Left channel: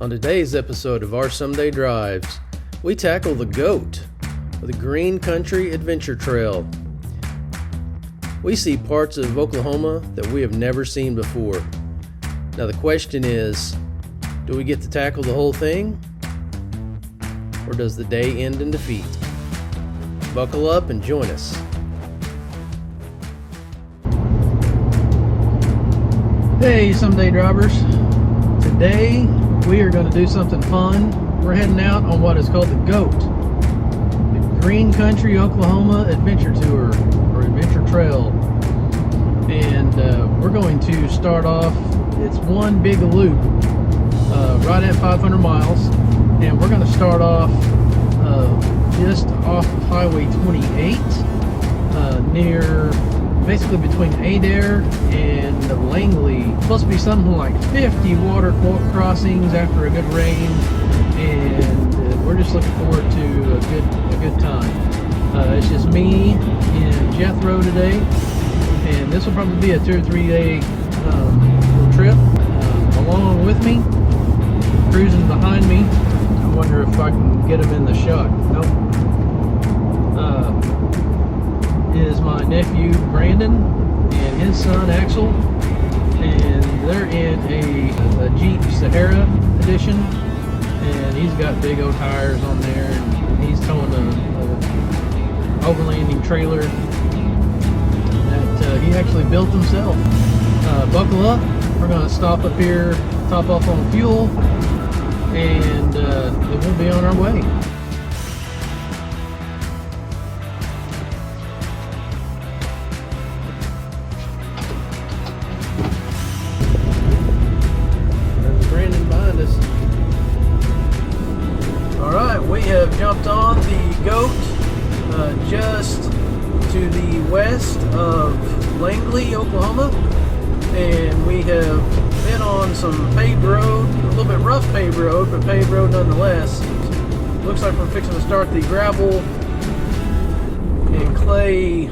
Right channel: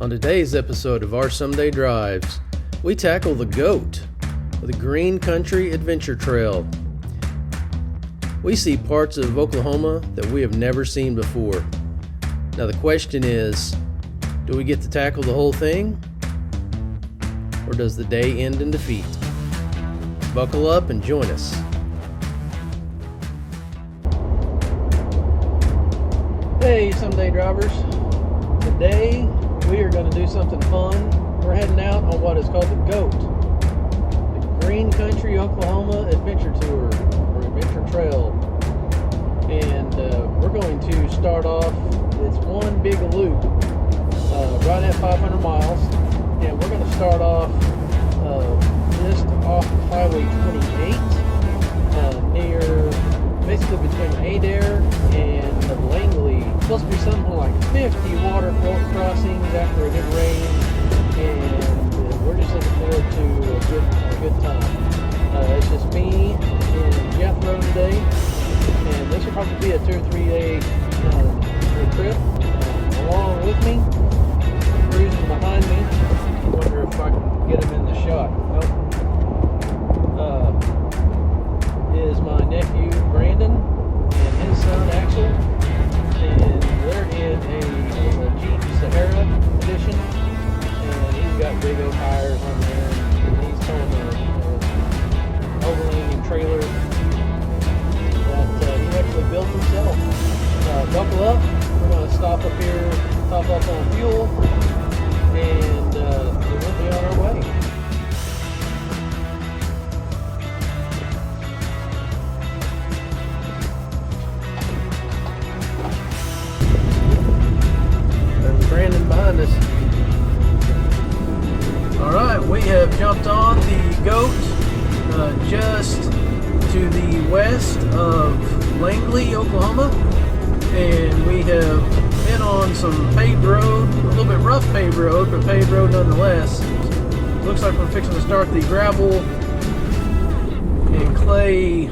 On today's episode of Our Someday Drives, we tackle the GOAT, the Green Country Adventure Trail. We see parts of Oklahoma that we have never seen before. Now the question is, do we get to tackle the whole thing? Or does the day end in defeat? Buckle up and join us. Hey, Someday Drivers. Today we are going to do something fun. We're heading out on what is called the GOAT, the Green Country Oklahoma Adventure Tour, or Adventure Trail. And we're going to start off, it's one big loop right at 500 miles. And we're going to start off just off Highway 28 near, basically between Adair and Langley. It's supposed to be something like 50 water crossings after a good rain, and we're just looking forward to a good time. It's just me and Jethro today, and this will probably be a 2 or 3 day trip. Along with me, cruising behind me, I wonder if I can get him in the shot. Nope. Is my nephew Brandon and his son Axel, and they're in a Jeep Sahara edition, and he's got big old tires on there, and he's towing a overlanding trailer that he actually built himself. Buckle up, we're going to stop up here, top up on fuel, and then we'll be on our way. Brandon behind us. Alright, we have jumped on the GOAT just to the west of Langley, Oklahoma, and we have been on some paved road, a little bit rough paved road, but paved road nonetheless. Looks like we're fixing to start the gravel and clay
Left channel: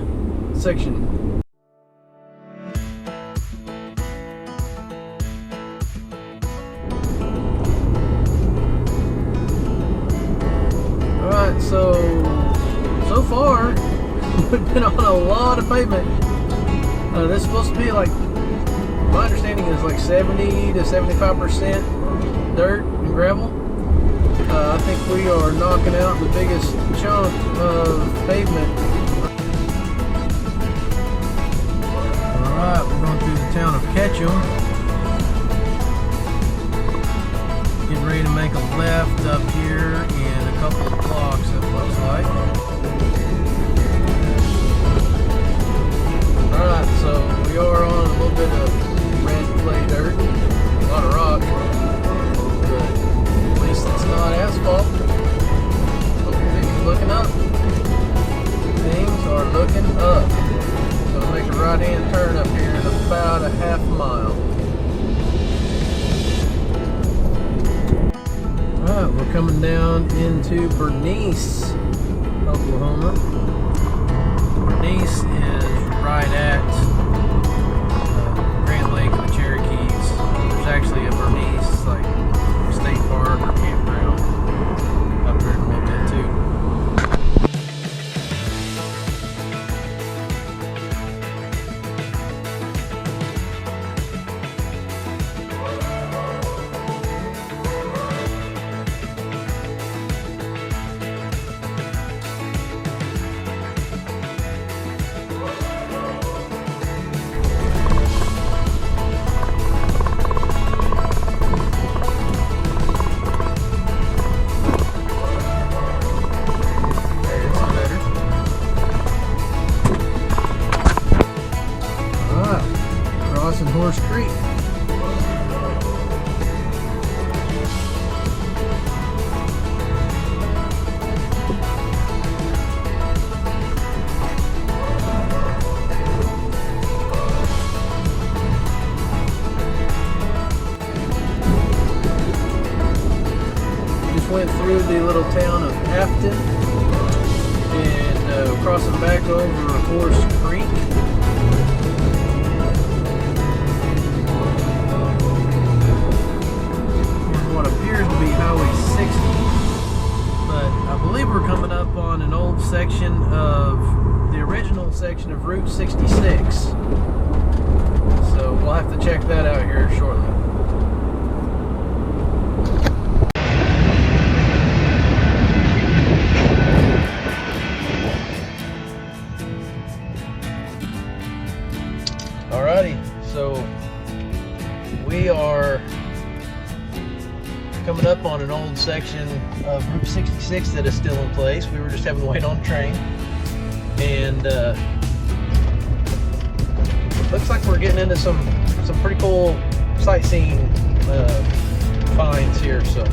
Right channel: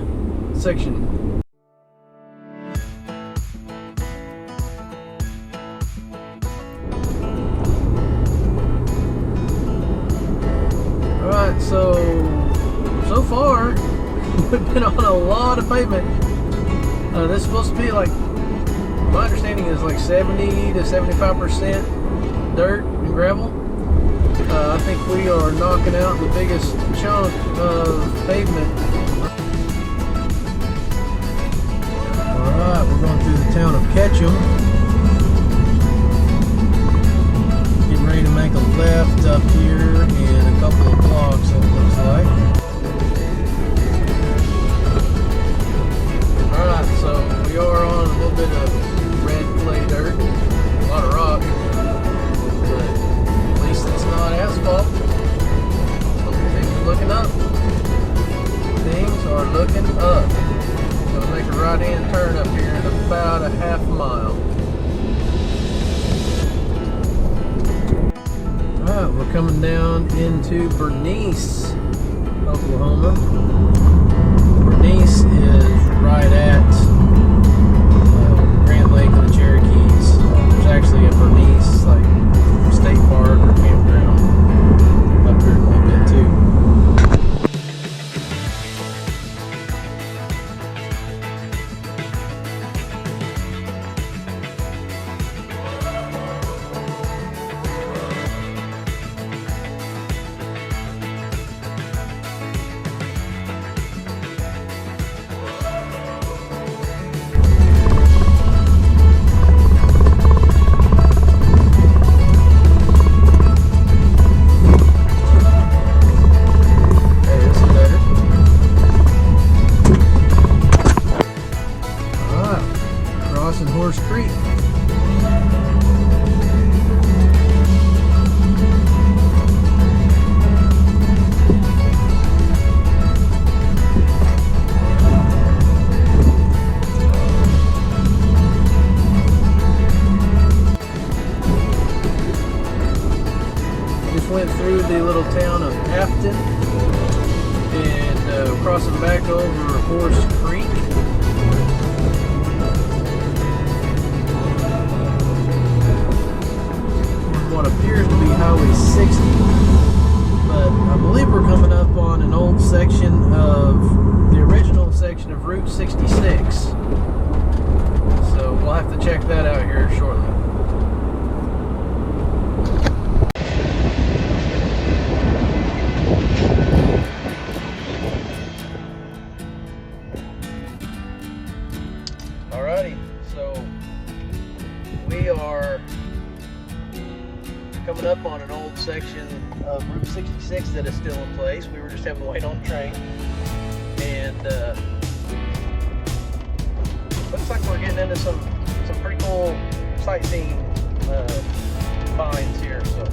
section. Alright, so far we've been on a lot of pavement. This is supposed to be like, my understanding is like 70 to 75% dirt and gravel. I think we are knocking out the biggest chunk of pavement. Alright, we're going through the town of Ketchum. Getting ready to make a left up here in a couple of blocks, it looks like. Alright, so we are on a little bit of red clay dirt, a lot of rock, but at least it's not asphalt. Things are looking up. Things are looking up. Gonna make a right-hand turn up here in about a half mile. Alright, we're coming down into Bernice, Oklahoma. Bernice is right at Grand Lake of the Cherokees. There's actually a Bernice like state park or campground up here in a little bit too. Horse Creek. Just went through the little town of Afton and crossing back over Horse Creek. what appears Highway 60, but I believe we're coming up on an old section of the original section of Route 66. So we'll have to check that out here shortly. Alrighty, so we are coming up on an old section of Route 66 that is still in place. We were just having to wait on the train, and looks like we're getting into some pretty cool sightseeing finds here, so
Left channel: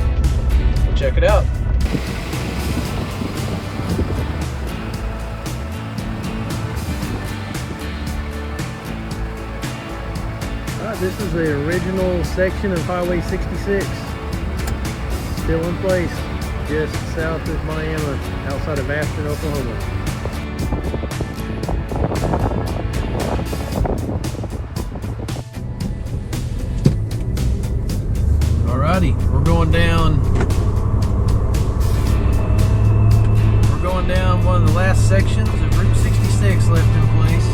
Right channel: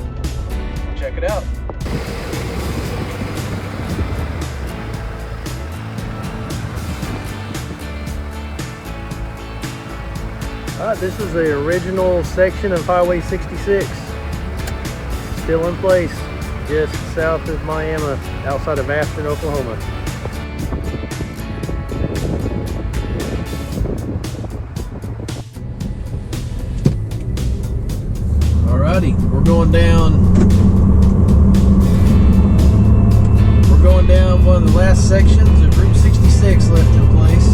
we'll check it out. This is the original section of Highway 66, still in place, just south of Miami, outside of Afton, Oklahoma. Alrighty, we're going down one of the last sections of Route 66 left in place.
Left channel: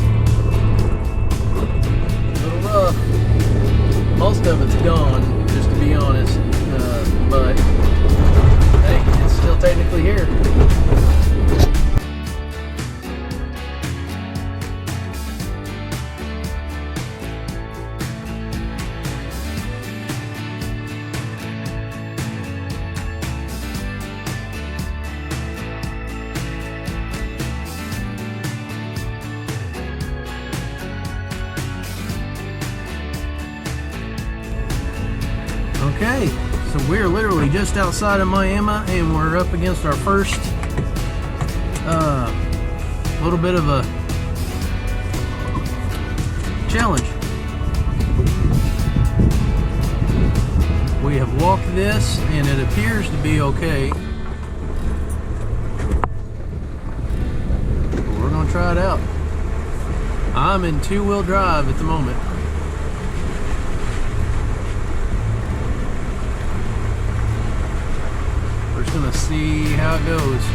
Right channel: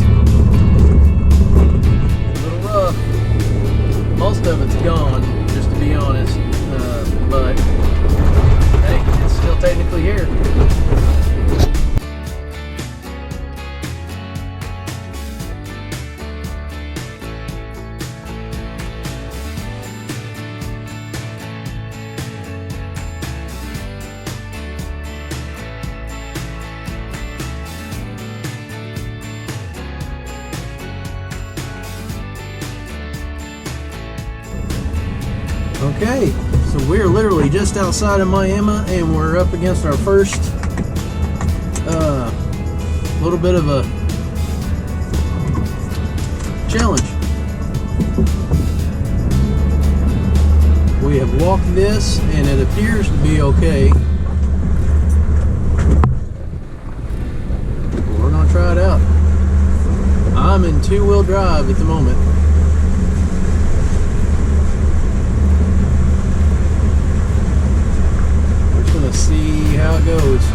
A little rough. Most of it's gone, just to be honest, but hey, it's still technically here. Okay, so we're literally just outside of Miami, and we're up against our first little bit of a challenge. We have walked this, and it appears to be okay. But we're gonna try it out. I'm in two-wheel drive at the moment. Gonna see how it goes.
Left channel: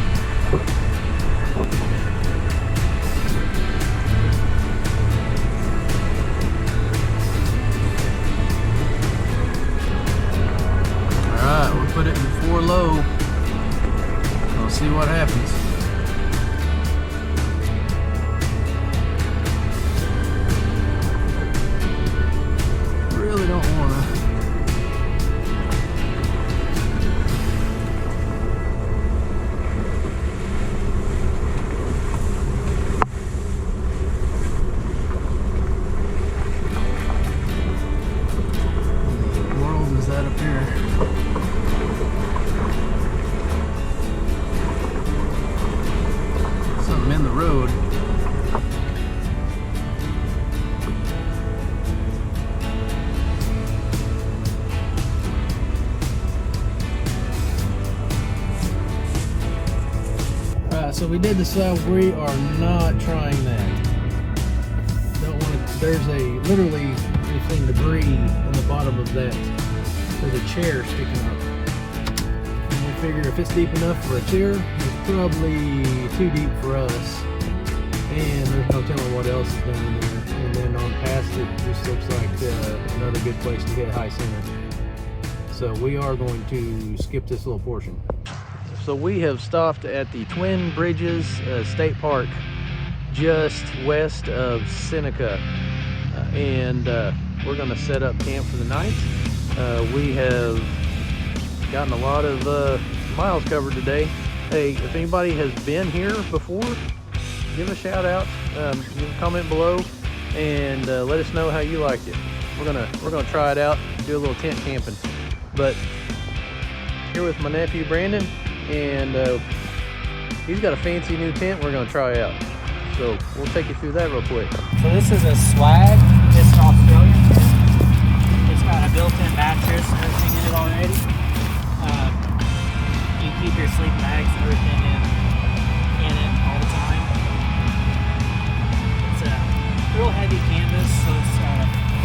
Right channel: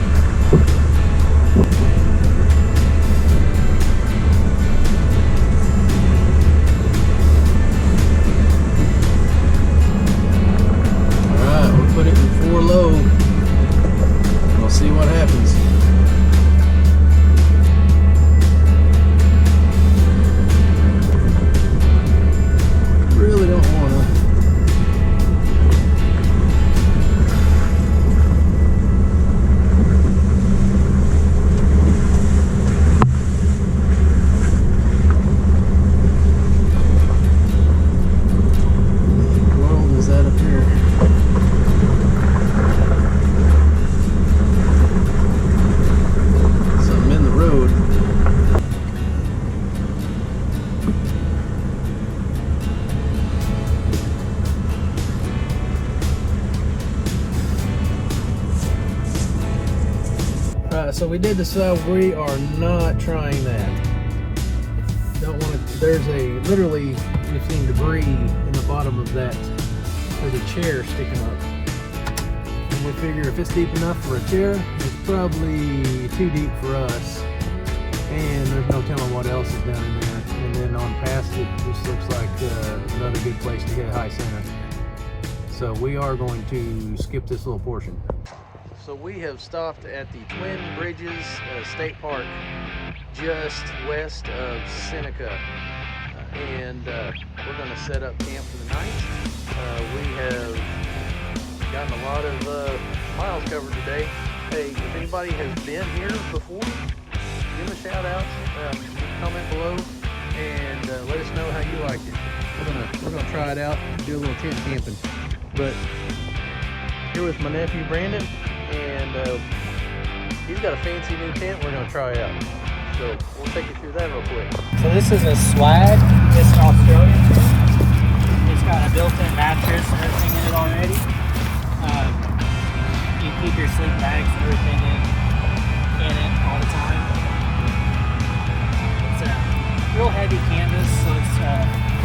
Alright, we'll put it in 4 low. I'll see what happens. Really don't wanna. Is that up here? Something in the road. Alright, so we did decide we are not trying that. Don't want to. There's literally we've seen debris in the bottom of that. There's a chair sticking up, and we figure if it's deep enough for a chair, it's probably too deep for us, and there's no telling what else is down there. And then on past it, this looks like another good place to get high scenic. So we are going to skip this little portion. So we have stopped at the Twin Bridges State Park, just west of Seneca, and we're going to set up camp for the night. We have gotten a lot of miles covered today. Hey, if anybody has been here before, give a shout out, leave a comment below, and let us know how you liked it. We're gonna try it out, do a little tent camping. But here with my nephew Brandon, and he's got a fancy new tent we're gonna try out. So we'll take you through that real quick. So this is a swag. It's an Australian tent. It's got a built-in mattress and everything in it already. You keep your sleep bags and everything in it all the time. It's a real heavy canvas, so it's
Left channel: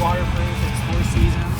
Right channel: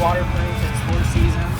waterproof. It's 4 seasons.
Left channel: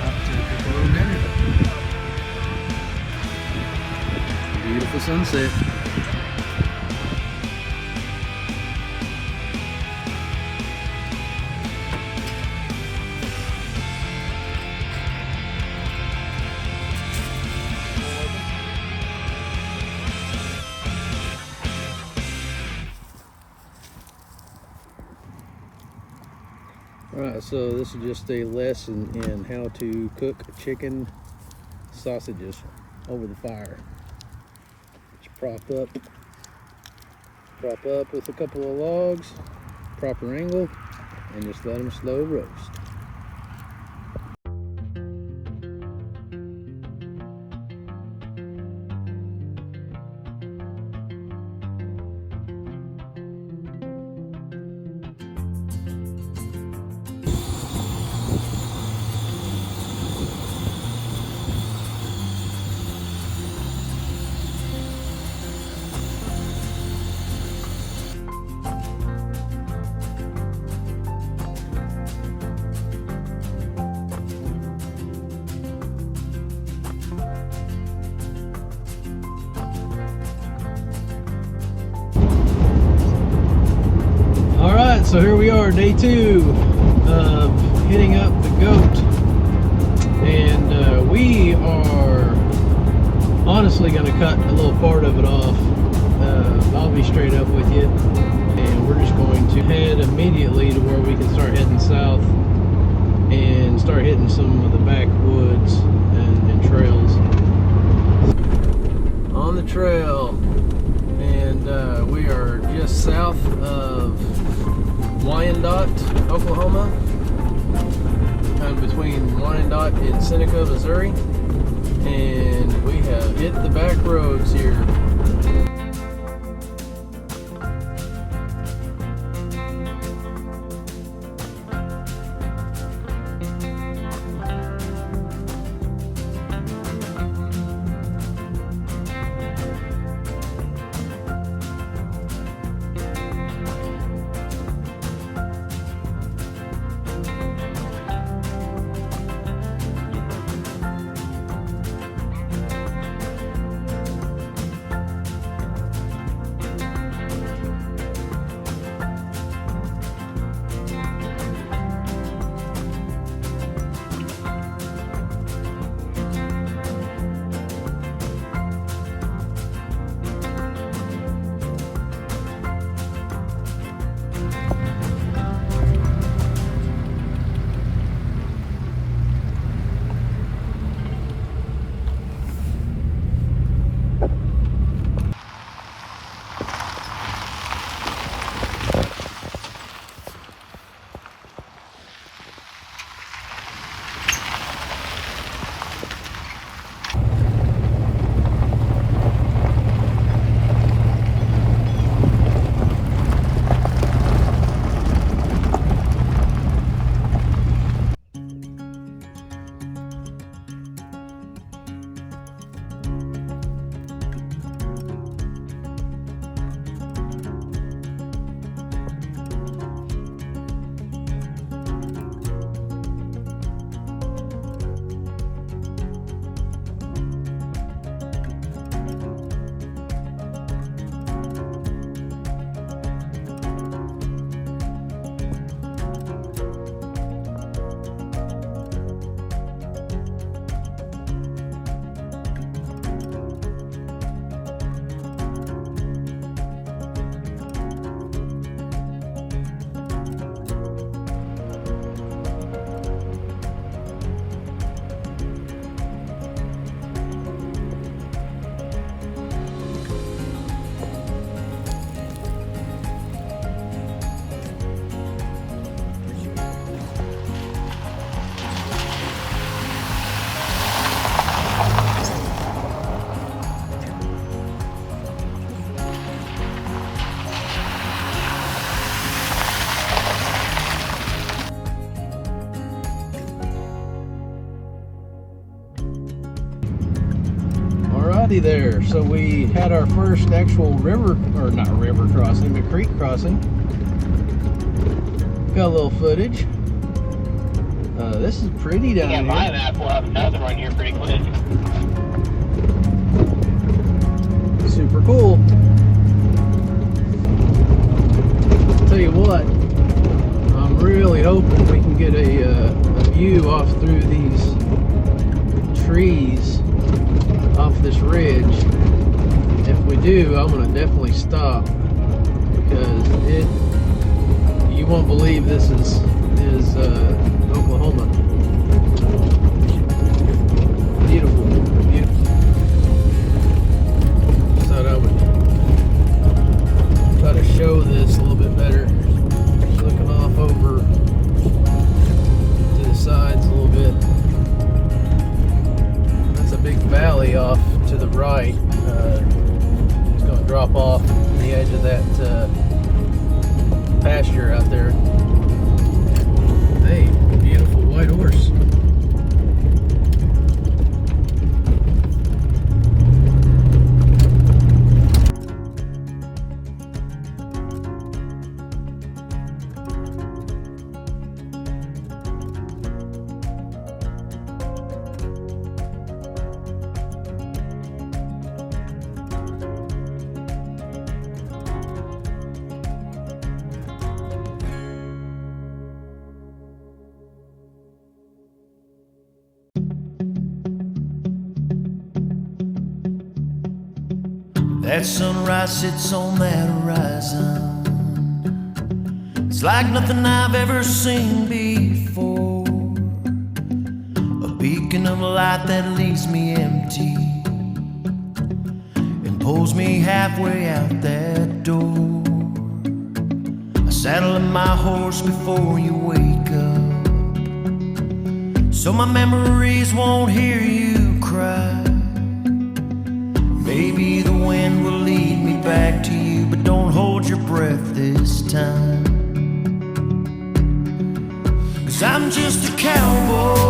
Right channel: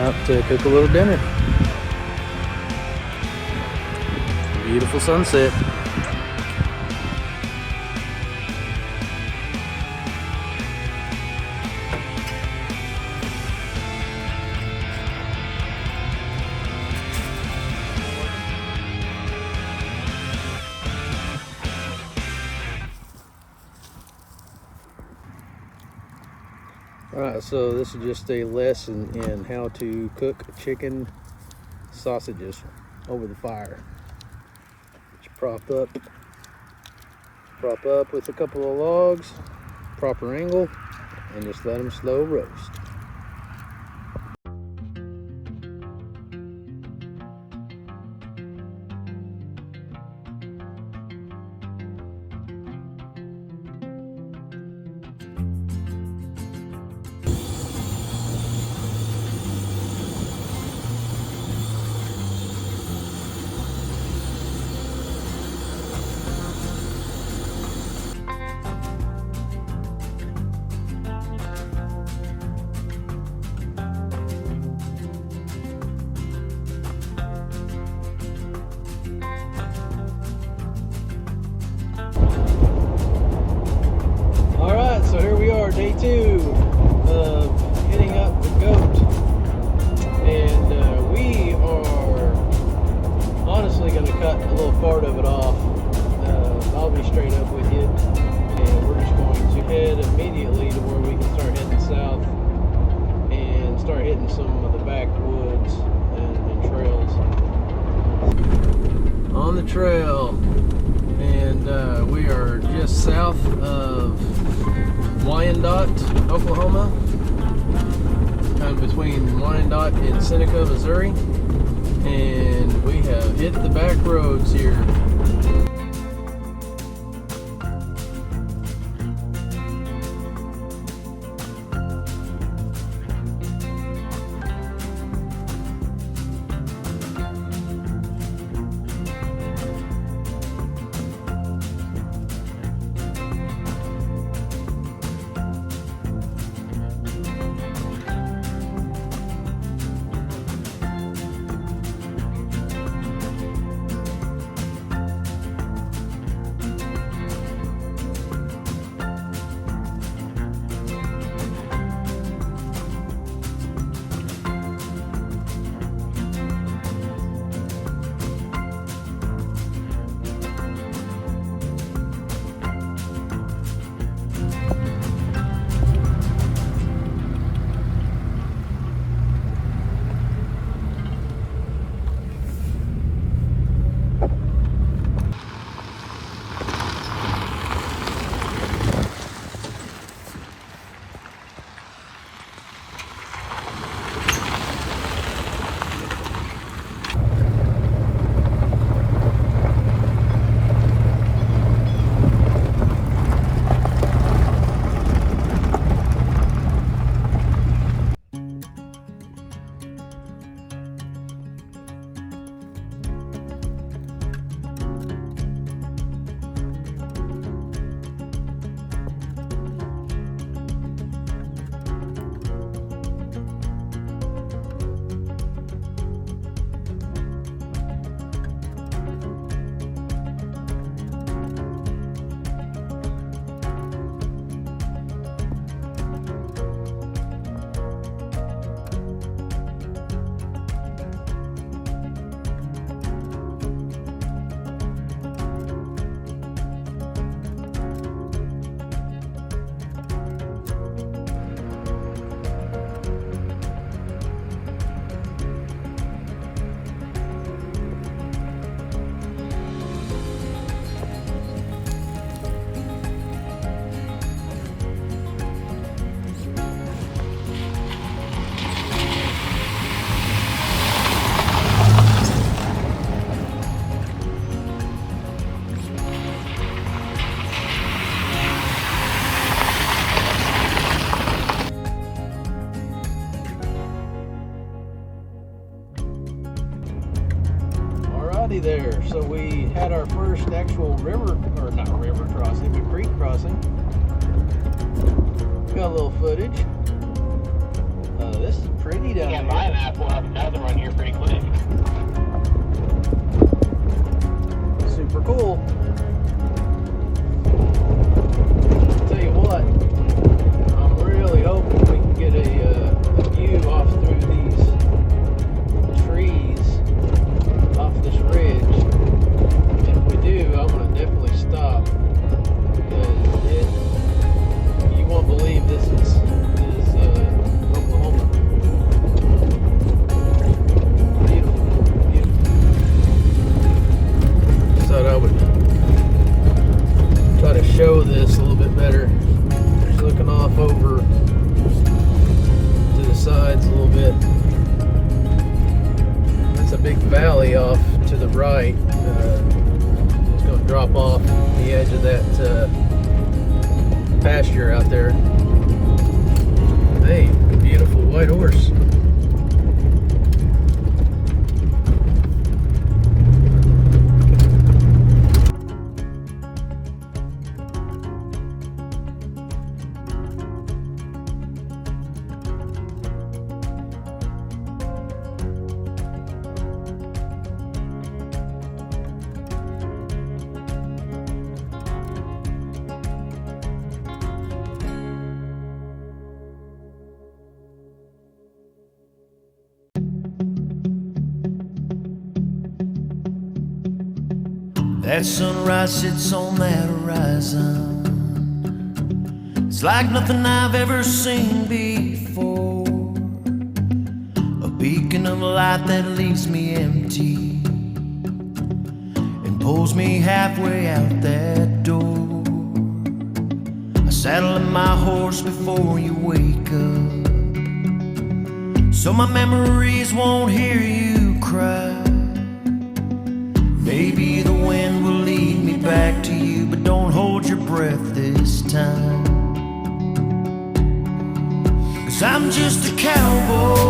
out to cook a little dinner. Beautiful sunset. Alright, so this is just a lesson in how to cook chicken sausages over the fire. Just prop up with a couple of logs, proper angle, and just let them slow roast. Alright, so here we are, day 2 of hitting up the goat. And we are honestly going to cut a little part of it off. I'll be straight up with you. And we're just going to head immediately to where we can start heading south and start hitting some of the backwoods and trails. On the trail. And we are just south of Wyandotte, Oklahoma, kind of between Wyandotte and Seneca, Missouri, and we have hit the back roads here. Alrighty there, so we had our first actual river, or not river crossing, but creek crossing. Got a little footage. This is pretty down Yeah, here. my map will have another one here pretty quick. Super cool. Tell you what, I'm really hoping we can get a view off through these trees off this ridge. If we do, I'm gonna definitely stop because you won't believe this is Oklahoma. Beautiful, beautiful. Just thought I would try to show this a little bit better. Just looking off over to the sides a little bit. That's a big valley off to the right. It's going to drop off the edge of that pasture out there. Hey, beautiful white horse. That sunrise sits on that horizon. It's like nothing I've ever seen before. A beacon of light that leaves me empty and pulls me halfway out that door. I saddle up my horse before you wake up, so my memories won't hear you cry. Maybe the wind will lead me back to you, but don't hold your breath this time. 'Cause I'm just a cowboy.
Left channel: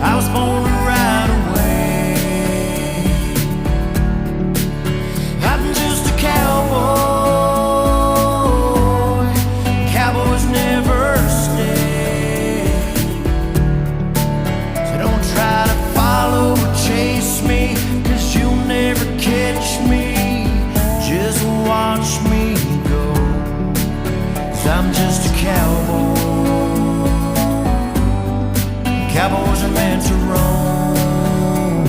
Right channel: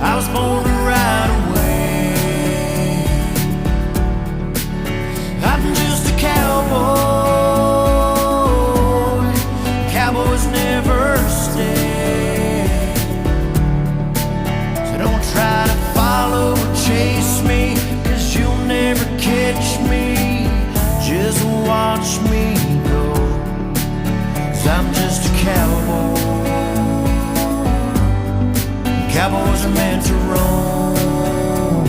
I was born to ride away. I'm just a cowboy. Cowboys never stay. So don't try to follow or chase me, 'cause you'll never catch me. Just watch me go, 'cause I'm just a cowboy. Cowboys are meant to roam.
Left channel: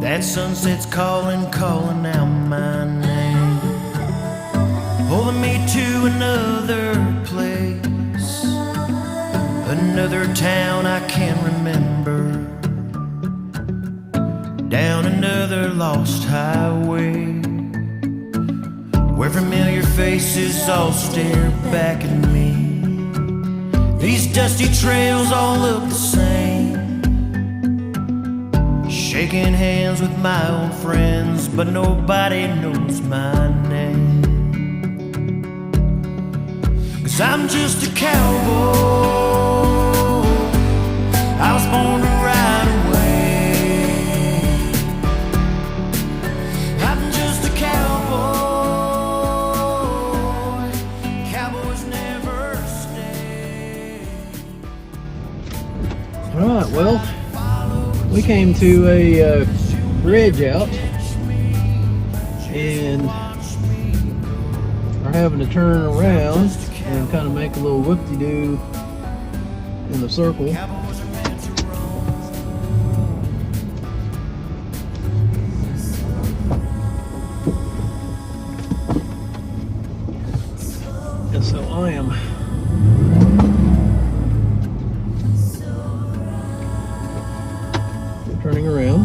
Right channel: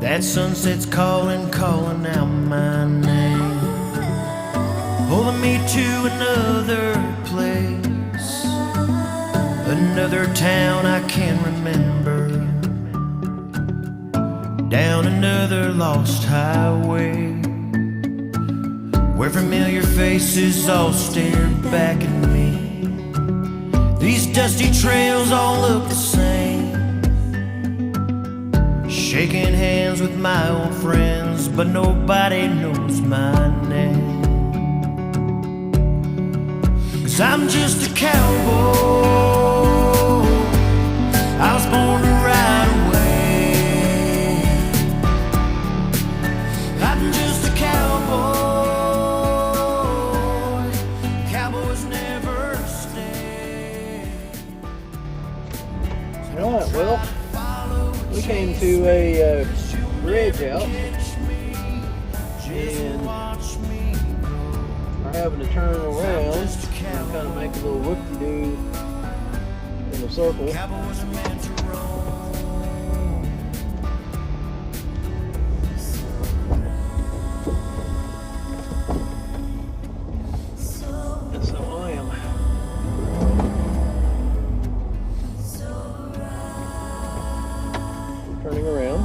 That sunset's calling, calling out my name, pulling me to another place, another town I can't remember, down another lost highway, where familiar faces all stare back at me. These dusty trails all look the same, shaking hands with my old friends, but nobody knows my name. 'Cause I'm just a cowboy. I was born to ride away. I'm just a cowboy. Cowboys never stay. Alright, well, we came to a bridge out and are having to turn around and kind of make a little whoop-de-doo in the circle. Cowboys are meant to roam. And so I am turning around.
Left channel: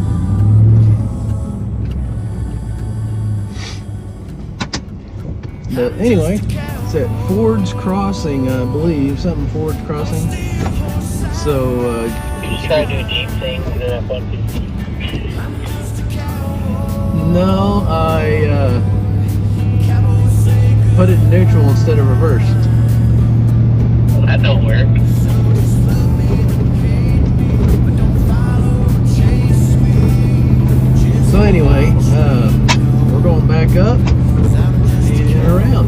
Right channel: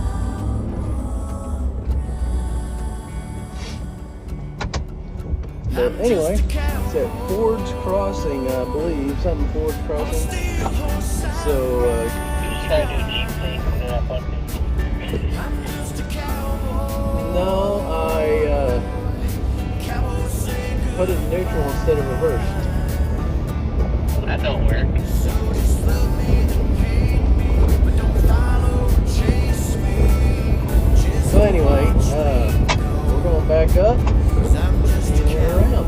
But anyway, it's at Ford's Crossing, I believe, something Ford's Crossing. So, You just gotta do a Jeep thing with that bucket. no, I put it in neutral instead of reverse. Well, that don't work. So anyway, we're going back up and around.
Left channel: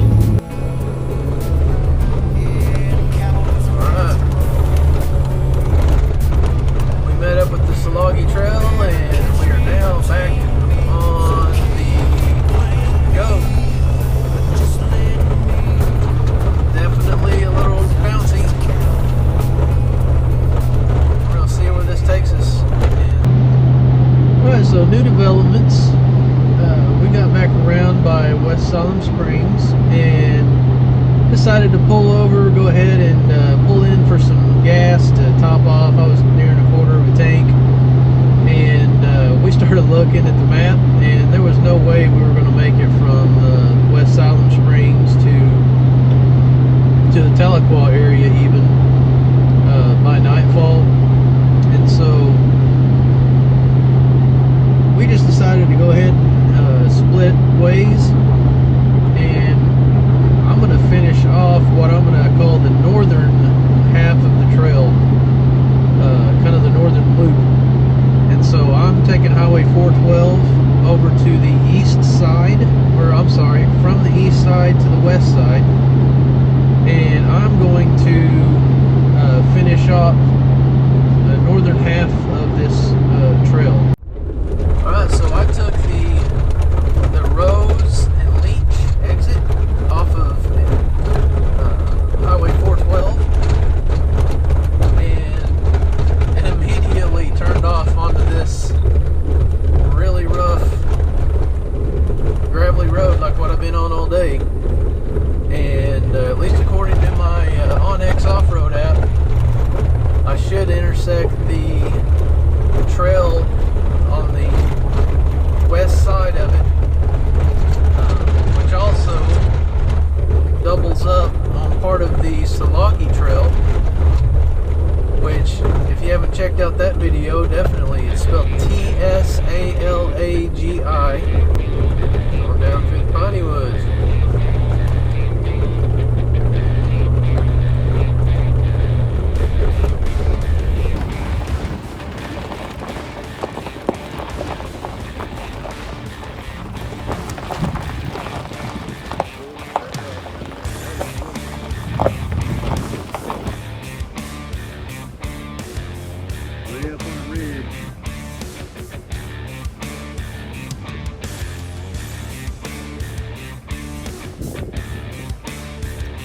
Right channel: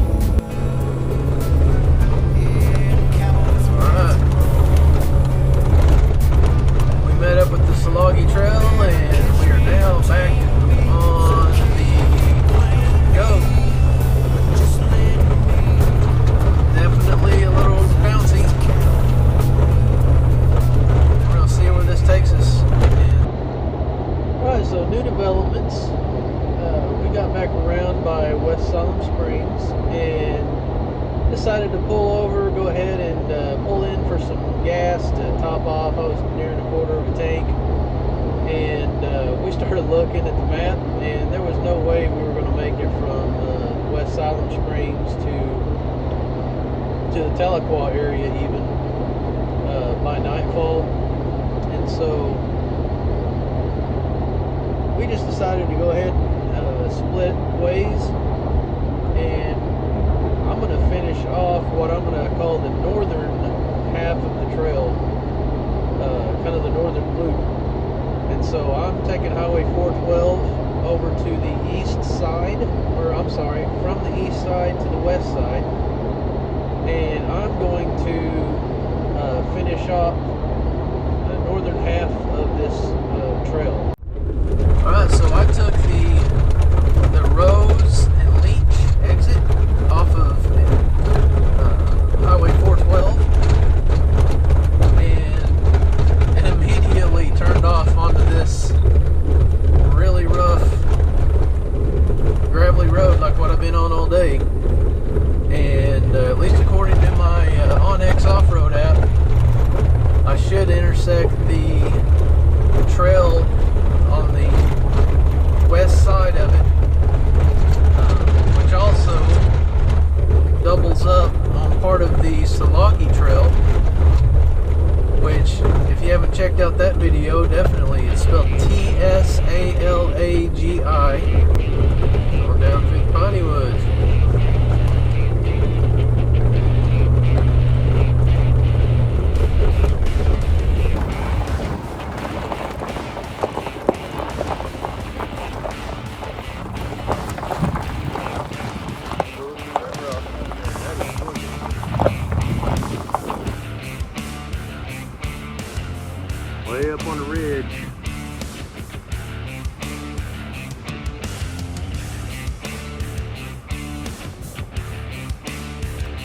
loggy trail, and we are now back on the go. Definitely a little bouncy. We're gonna see where this takes us. Alright, so new developments. We got back around by West Salem Springs and decided to pull over, go ahead and pull in for some gas to top off. I was nearing a quarter of a tank, and we started looking at the map, and there was no way we were going to make it from West Salem Springs to the Tahlequah area even by nightfall. And so we just decided to go ahead and split ways, and I'm going to finish off what I'm going to call the northern half of the trail, kind of the northern loop. And so I'm taking Highway 412 over to the east side, or I'm sorry, from the east side to the west side, and I'm going to finish off the northern half of this trail. Alright, so I took the Rose and Leach exit off of Highway 412 and immediately turned off onto this really rough gravelly road like what I've been on all day. And at least according to my OnX off-road app, I should intersect the trail on the west side of it, which also doubles up on part of the Salagi Trail, which, if you haven't checked out that video, definitely, it's spelled Tsalagi, going down through the Piney Woods. Way up on the ridge.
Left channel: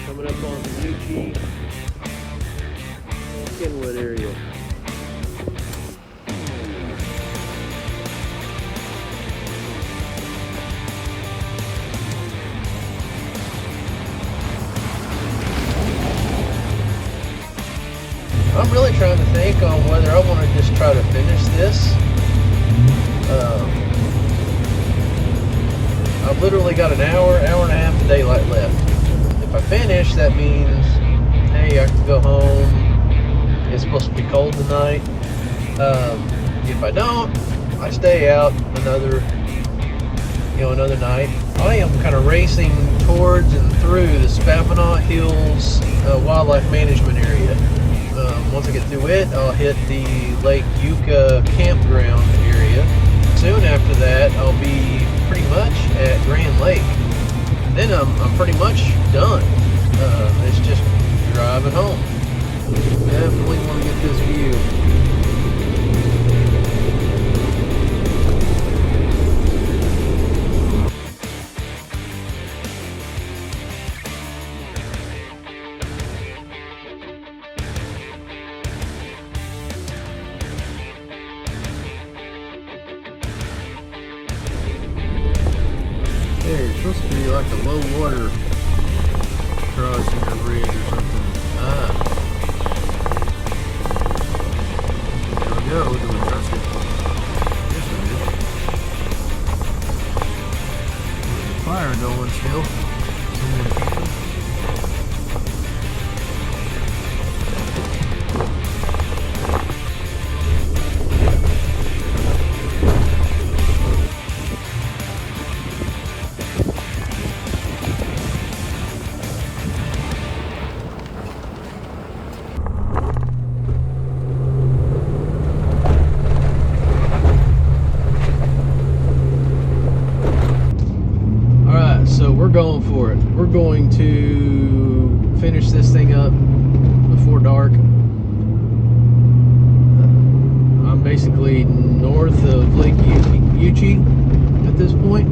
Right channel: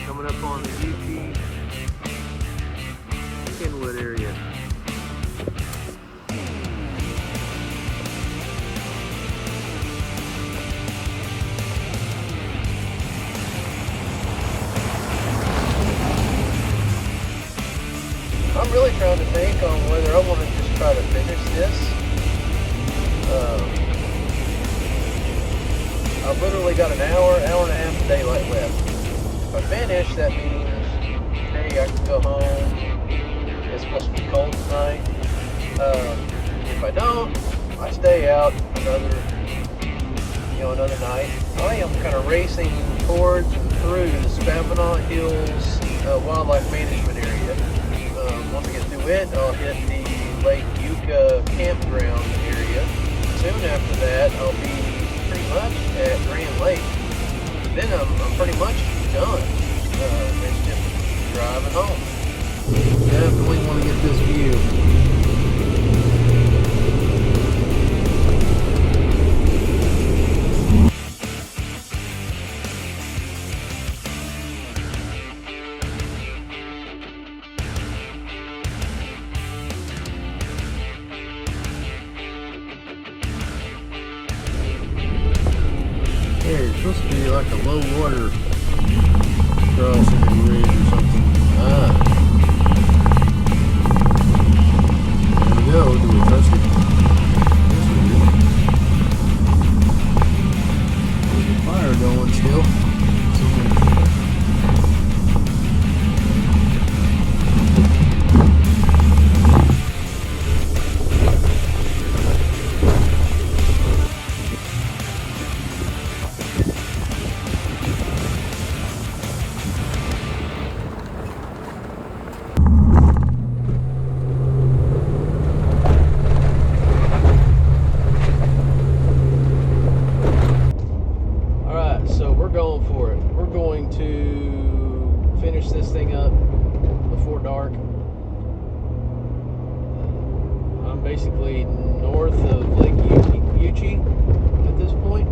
Coming up on the ET Kenwood area. I'm really trying to think on whether I want to just try to finish this. I've literally got an hour and a half of daylight left. If I finish, that means, hey, I can go home. It's supposed to be cold tonight. If I don't, I stay out another night. I am kind of racing towards and through the Spavinaw Hills Wildlife Management Area. Once I get through it, I'll hit the Lake Yucca campground area. Soon after that, I'll be pretty much at Grand Lake. Then I'm pretty much done. It's just driving home. Definitely want to get this view. It's supposed to be like a low water crossing or ridge or something. There we go. Do we trust it? Yes, we do. There's a fire going still. Someone camping. Going for it. We're going to finish this thing up before dark. I'm I'm basically north of Lake Uchee at this point,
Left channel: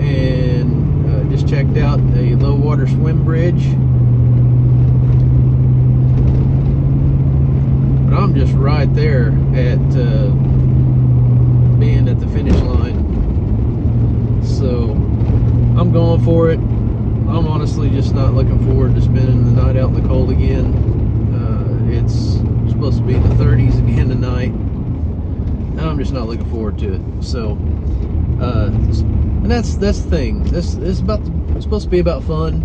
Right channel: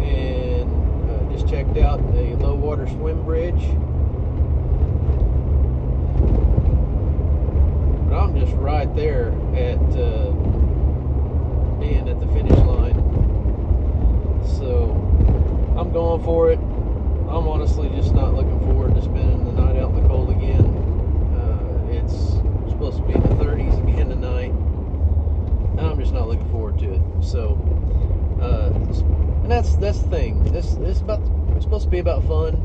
and just checked out a low water swim bridge. But I'm just right there at being at the finish line, so I'm going for it. I'm honestly just not looking forward to spending the night out in the cold again. It's supposed to be in the 30s again tonight, and I'm just not looking forward to it. So, and that's the thing. This is it's supposed to be about fun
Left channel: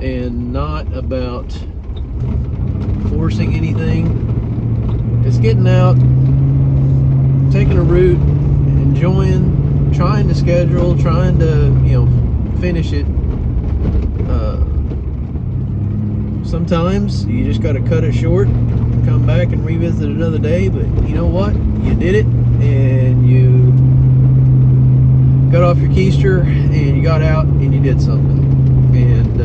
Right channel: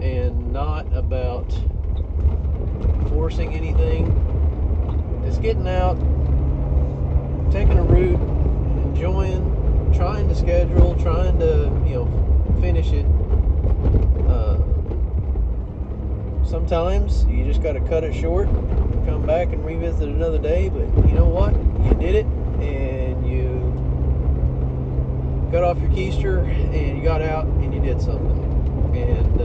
and not about forcing anything. It's getting out, taking a route, enjoying, trying to schedule, trying to, finish it. Sometimes you just got to cut it short, come back and revisit another day, but you know what? You did it, and you got off your keister, and you got out, and you did something. And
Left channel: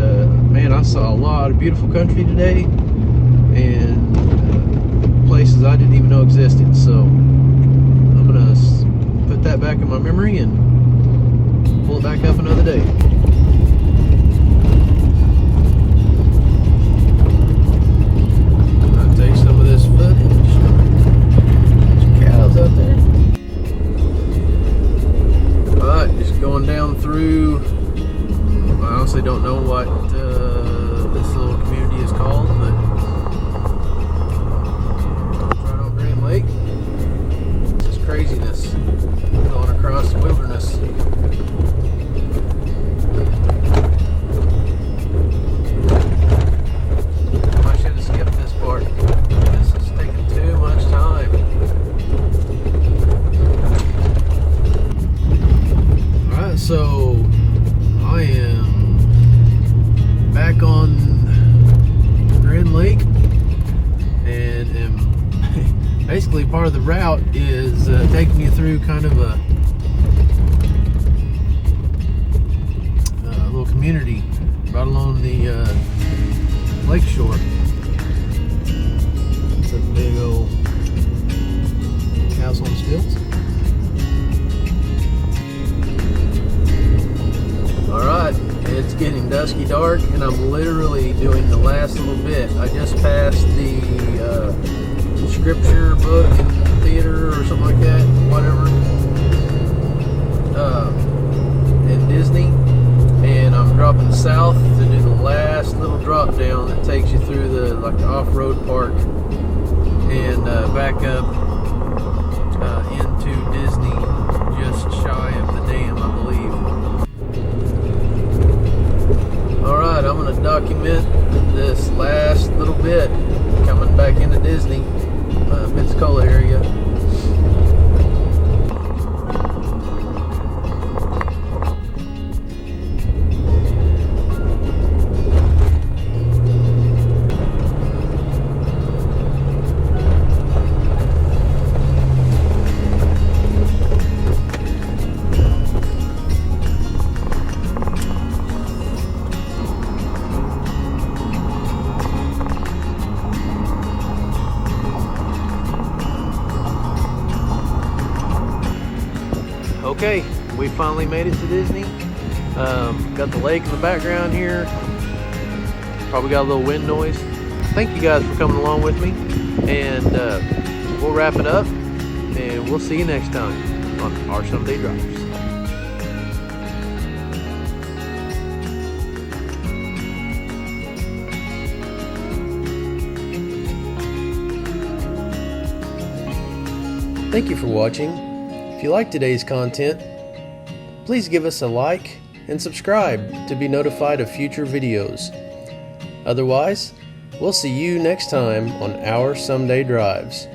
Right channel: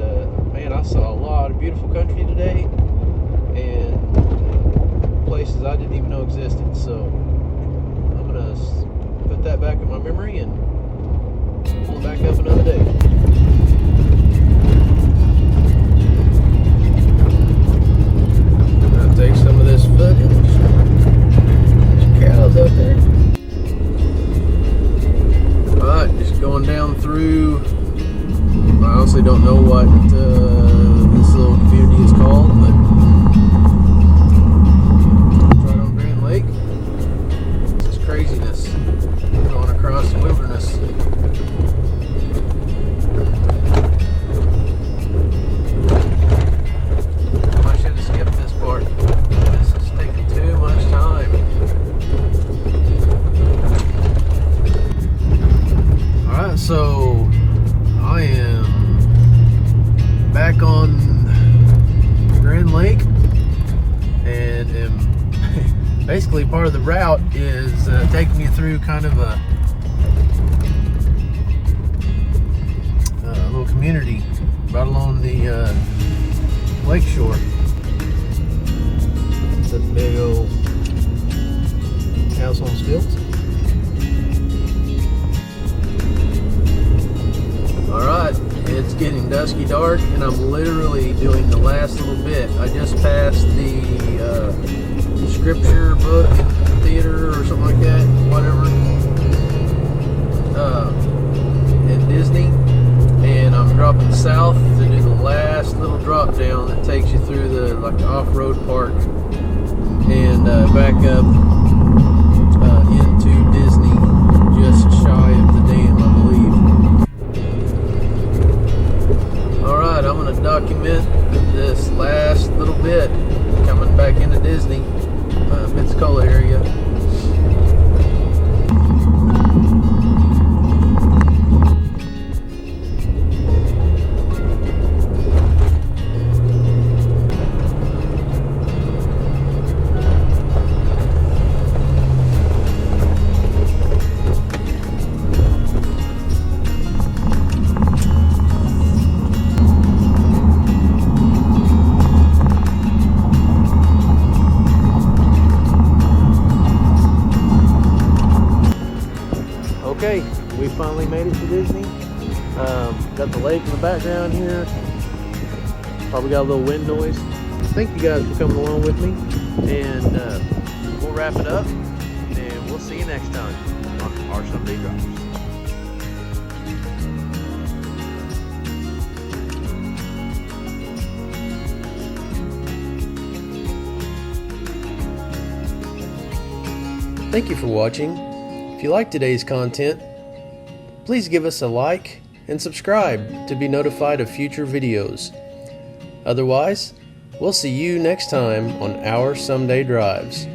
man, I saw a lot of beautiful country today, and places I didn't even know existed. So I'm gonna put that back in my memory and pull it back up another day. I'll take some of this footage. There's cows up there. Alright, just going down through, I honestly don't know what this little community is called, but lake. This is craziness going across the wilderness. I should have skipped this part. This is taking too much time. Alright, so I am back on Grand Lake, and am basically part of the route is taking you through kind of a little community right along the lake shore. It's a big old house on stilts. Alright, it's getting dusky dark, and I'm literally doing the last little bit. I just passed the scripture book in the theater or something like that, whatever, in Disney, and I'm dropping south to do the last little drop down that takes you through the off-road park and back up into Disney, just shy of the dam, I believe. Alright, I'm going to document this last little bit coming back into Disney, Pensacola area. Okay, we finally made it to Disney. Got the lake in the background here. Probably got a little wind noise. Thank you guys for coming along with me, and we'll wrap it up, and we'll see you next time on Our Someday Drivers. Thank you for watching. If you like today's content, please give us a like and subscribe to be notified of future videos. Otherwise, we'll see you next time on Our Someday Drives.